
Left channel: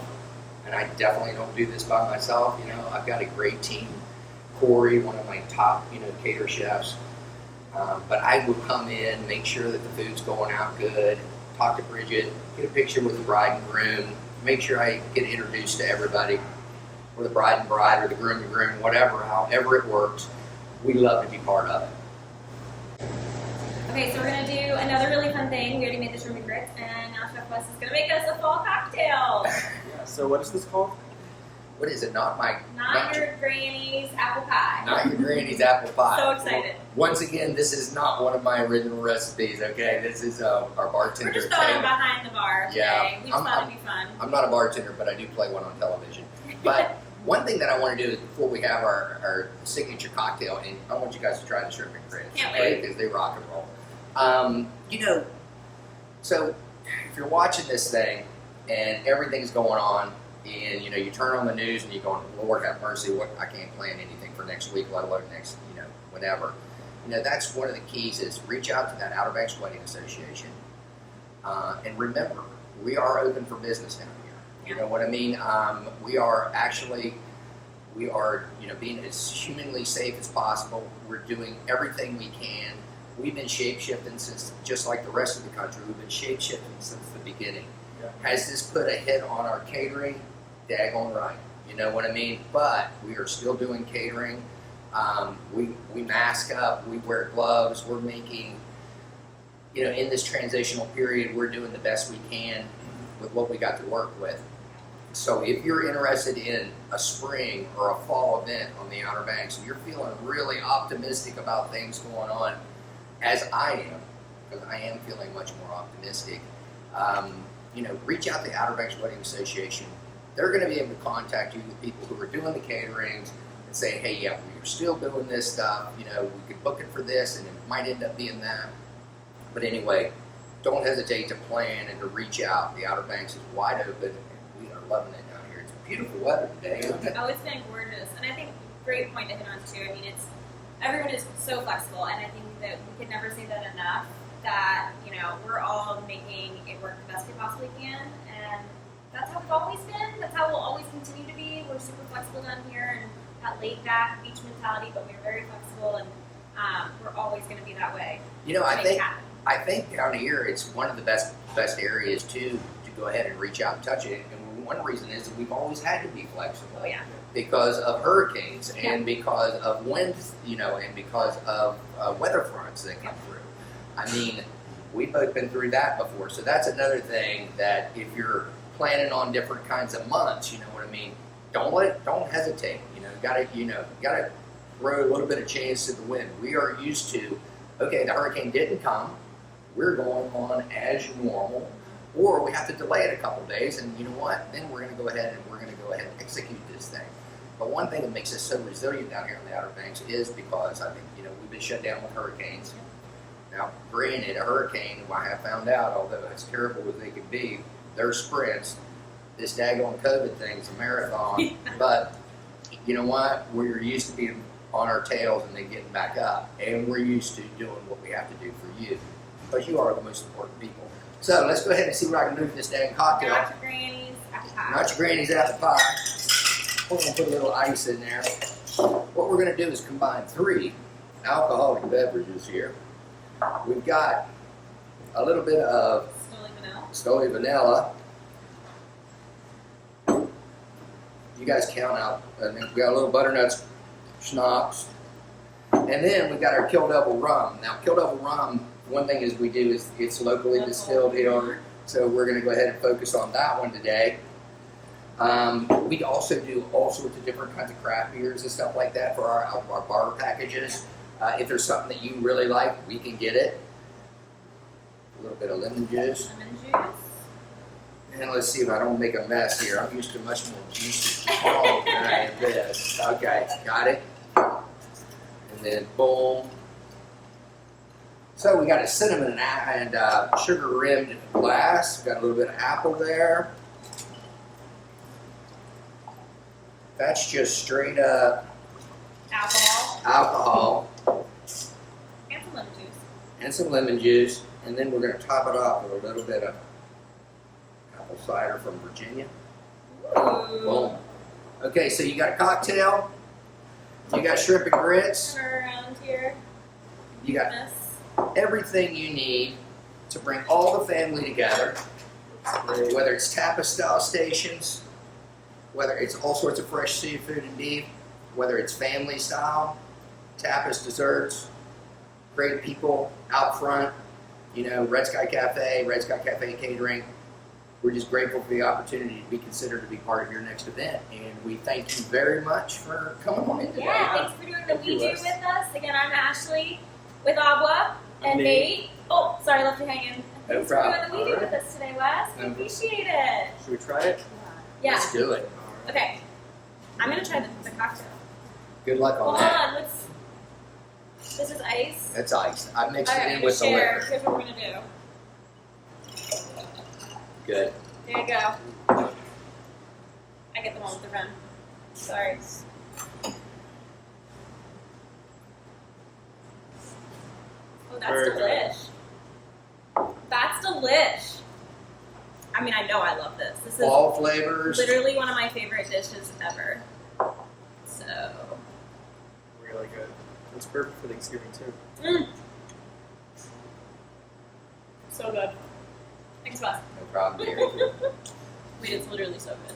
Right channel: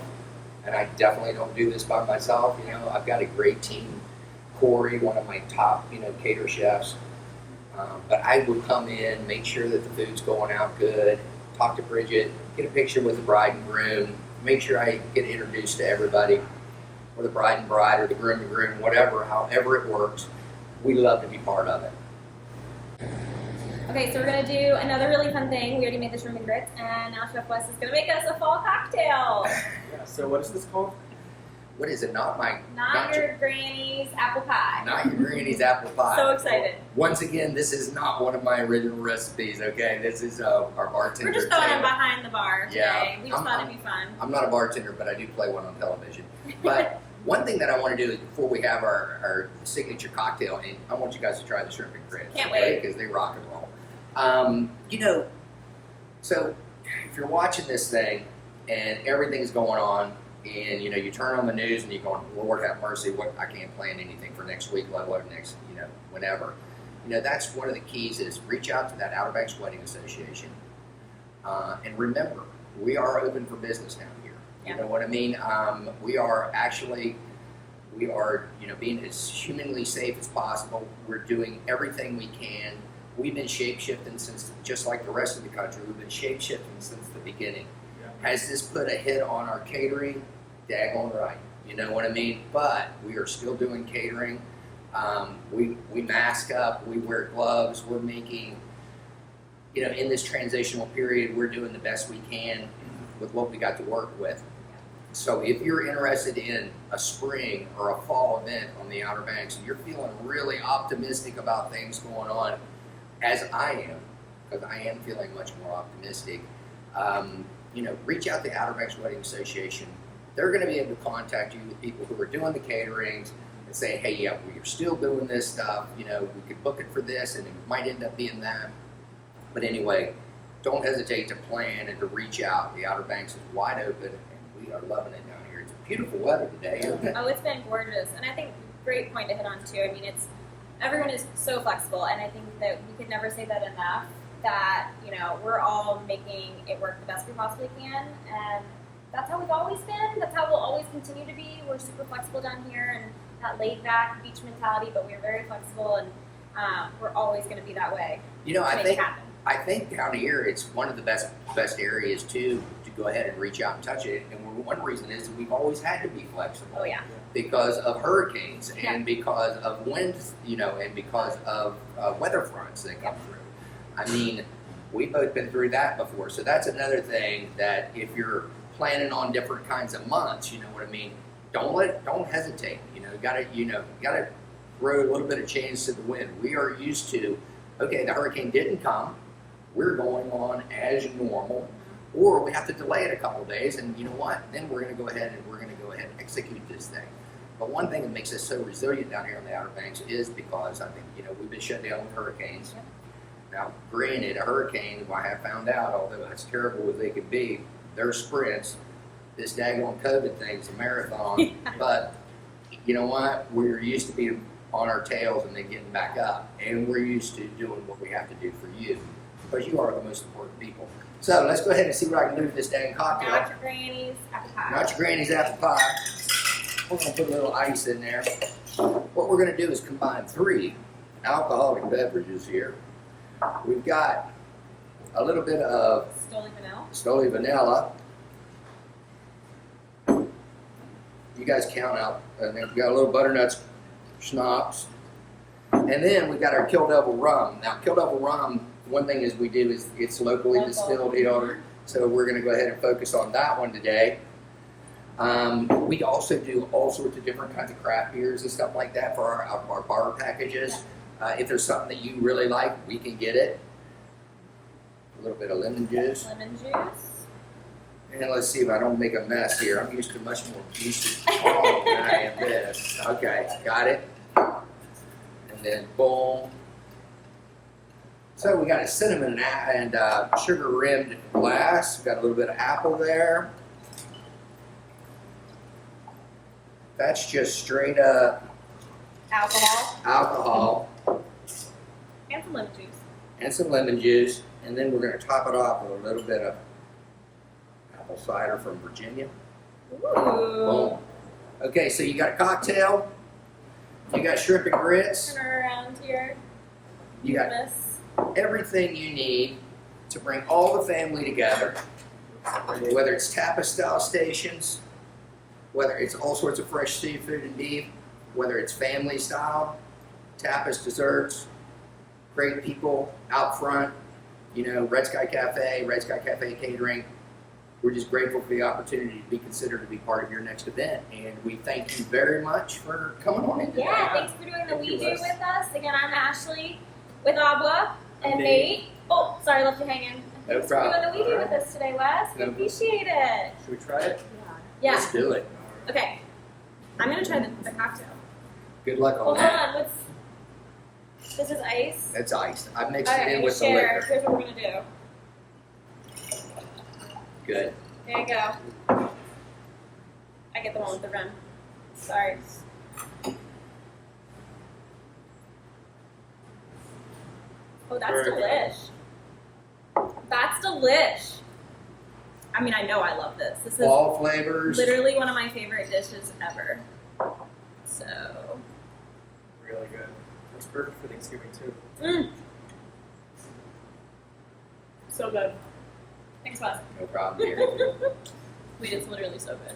And I definitely don't do this by myself. I've got a great team. Corey, one of my top, cater chefs. But I would come in, make sure that the food's going out good, talk to Bridget, get a picture with the bride and groom, make sure I get introduced to everybody, or the bride and bride, or the groom and groom, whatever, however it works. We love to be part of it. Okay, so we're gonna do another really fun thing. We already made the shrimp and grits, and now Chef Wes is gonna make us a fall cocktail. Yeah, so what is this called? What is it? Not your granny's apple pie. Not your granny's apple pie. So excited. Once again, this is not one of my original recipes, okay? This is our bartender, We're just throwing Taylor. behind the bar today. Yeah, We just thought it'd be fun. I'm not a bartender, but I do play one on television. But one thing that I want to do is before we have our signature cocktail, and I want you guys to try the shrimp and grits. Can't wait. Because they rock and roll. So if you're watching this thing and everything's going on, and you turn on the news and you're going, Lord have mercy, I can't plan anything for next week, let alone next, whenever. That's one of the keys is reach out to that Outer Banks Wedding Association. And remember, we are open for business down here. Yeah. You know what I mean? We are being as humanly safe as possible. We're doing everything we can. We've been shape-shifting since, just like the rest of the country, we've been shape-shifting since the beginning. Yeah. Has this put a hit on our catering? Daggone right. You know what I mean? But we are still doing catering. We mask up, we wear gloves, we're making, in this transitional period, we're doing the best we can with what we got to work with. So if you're interested in a spring or a fall event on the Outer Banks and you're feeling really optimistic about things going on, as I am, because I am feeling much more optimistic, reach out to the Outer Banks Wedding Association. They're going to be able to contact you with people who are doing the caterings and say, hey, yeah, we're still doing this stuff. We could book it for this, and it might end up being that. But anyway, don't hesitate to plan and to reach out. The Outer Banks is wide open, and we are loving it down here. It's beautiful weather today, isn't it? Oh, it's been gorgeous. And I think great point to hit on, too. I mean, everyone is so flexible, and I think that we could never say that enough, that, we're all making it work the best we possibly can, and that's how we've always been. That's how we'll always continue to be. We're super flexible down here, and that laid-back beach mentality, but we're very flexible, and we're always going to be that way. I think down here it's one of the best areas to go ahead and reach out and touch it. And one reason is that we've always had to be flexible. Oh yeah. Because of hurricanes and because of winds, and because of weather fronts that come through. I mean, we've both been through that before. So that's another thing that if you're planning on different kinds of months, you know what I mean? Don't hesitate. You gotta throw a little bit of chance to the wind. We are used to, okay, the hurricane didn't come. We're going on as normal, or we have to delay it a couple days, and you know what? Then we're going to go ahead and execute this thing. But one thing that makes us so resilient down here on the Outer Banks is because I think we've been shut down with hurricanes. Yep. Now, granted, a hurricane, I have found out, although as terrible as they can be, they're sprints. This daggone COVID thing's a marathon. But you know what? We're used to being on our tails and then getting back up, and we're used to doing what we have to do for you, because you are the most important people. So let's go ahead and see what I can do with this dang cocktail. Not your granny's apple pie. Not your granny's apple pie. We're going to put a little ice in there. What we're going to do is combine 3 alcoholic beverages here. We've got a little bit of Stoli vanilla. You guys count out. And then we've got a little butternut schnapps. And then we've got our Kill Devil rum. Now, Kill Devil rum, one thing is we do is it's locally distilled here. So we're going to go ahead and focus on that one today. We also do all sorts of different kinds of craft beers and stuff like that for our bar packages. If there's something that you really like, we can get it. A little bit of lemon juice. And let's see if I don't make a mess here. I'm used to much more juicy than I am this. Okay, got it. And then boom. So we got a cinnamon and sugar rimmed glass. We've got a little bit of apple there. That's just straight up alcohol. And some lemon juice. And some lemon juice. And then we're going to top it off with a little bit of apple cider from Virginia. Ooh. Boom. Okay, so you got a cocktail. You got shrimp and grits. Turn her around here. You got everything you need to bring all the family together. Great. Whether it's tapas style stations, whether it's all sorts of fresh seafood and beef, whether it's family style, tapas, desserts, great people out front, Red Sky Cafe Catering. We're just grateful for the opportunity to be considered to be part of your next event, and we thank you very much for coming on in today. Yeah, thanks for doing the Thank We you, Do Wes. with us. Again, I'm Ashley with Abwa and Nate. Nate. Oh, sorry, left you hanging. No Thanks for problem. doing the We Do with us today, Wes. We No. appreciate it. Should we try it? Yeah. Let's do it. Okay. I'm gonna try the cocktail. Good luck Oh, on hold that. on. This is ice. That's ice. I mixed Okay, it I'm in gonna with the share. liquor. Here's what we're gonna do. Good. There you go. I get the one with the rim. Sorry. Oh, that's Very good. delish. That's delish. I mean, I know I love this. This is Fall flavors. literally one of my favorite dishes ever. So, Really good. It's perfect for Thanksgiving too. so good. Thanks, Wes. No problem, dear. Wait, it's literally so good.